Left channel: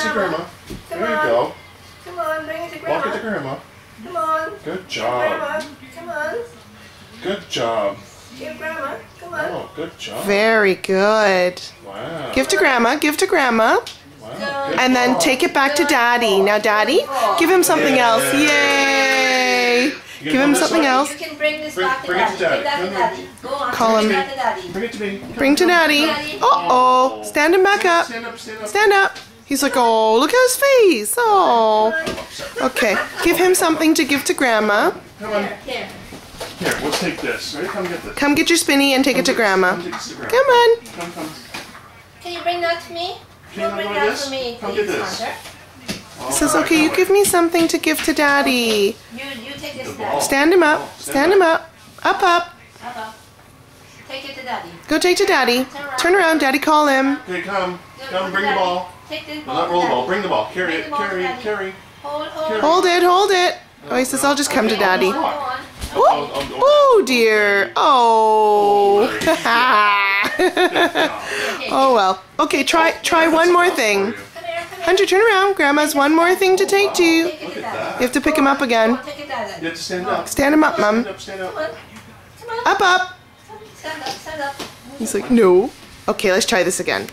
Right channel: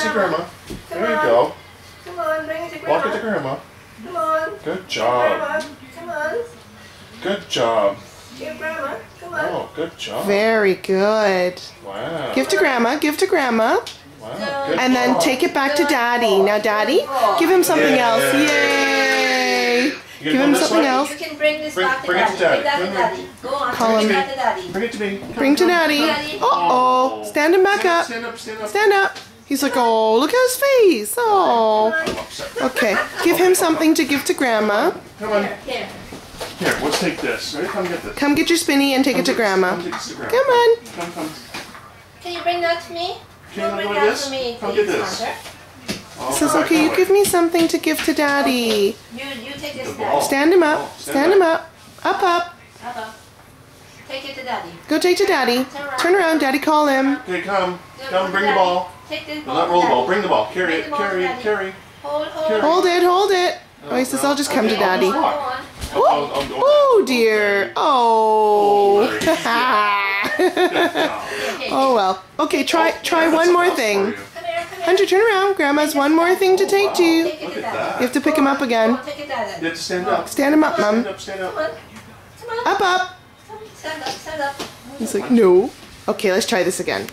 see Grandma. Come There you on. go. Come on, bring it to Grandma. Walk it to Grandma. Come on. Good job. Grandma, come on. Good job. Give Grandma. Come on. Oh, good job. Very good. Wow. Give to Grandma. Give to Grandma. Wow. Good And then job. take it back to Daddy. Now, Daddy, give him something else. Yay! You Give gonna him go this something way? else. You can bring this Bring- back to bring it to Daddy. Daddy. Bring that to Daddy. Go on, Call bring him. that to Daddy. Bring it to me. Bring to Daddy. Uh-oh. Stand him back up. Stand up, stand up. Stand up. He's like, oh, look at his face. Oh. Okay. Give him something to give to Grandma. Come on. Here. Here, let's take this. Ready? Come get this. Come get your spinny and take it to Grandma. Come take this to Grandma. Come on. Come. Can you bring that to me? Can you bring go that this? to me, Come please, get this. Hunter. Oh, Says, right, okay, that you way. give me something to give to Daddy. You take this The to ball. Daddy. Stand him up. Stand him up. Up, up. Up. Take it to Daddy. Go take to Daddy. Turn around. Daddy, call him. Okay, come. Go Come, to bring the Daddy. ball. Take this No, ball. not to roll the ball. Daddy. Bring the ball. Carry Bring it. the ball to Carry it. Daddy. Carry. Hold. Hold it, hold it. Oh, he says, I'll just come to Daddy. Go on. Oh, dear. Oh. Oh, well. Okay, try one more thing. Come here, come here. Hunter, turn around. Grandma's one more thing to take to you. Take it Look to at Daddy. that. You have to pick him up again. Go on, take it to Daddy. You have to stand up. Stand him up, Stand Mom. up, stand Come up. on. Come on. Up, up. Stand up, stand up. He's like, no. Okay, let's try this again.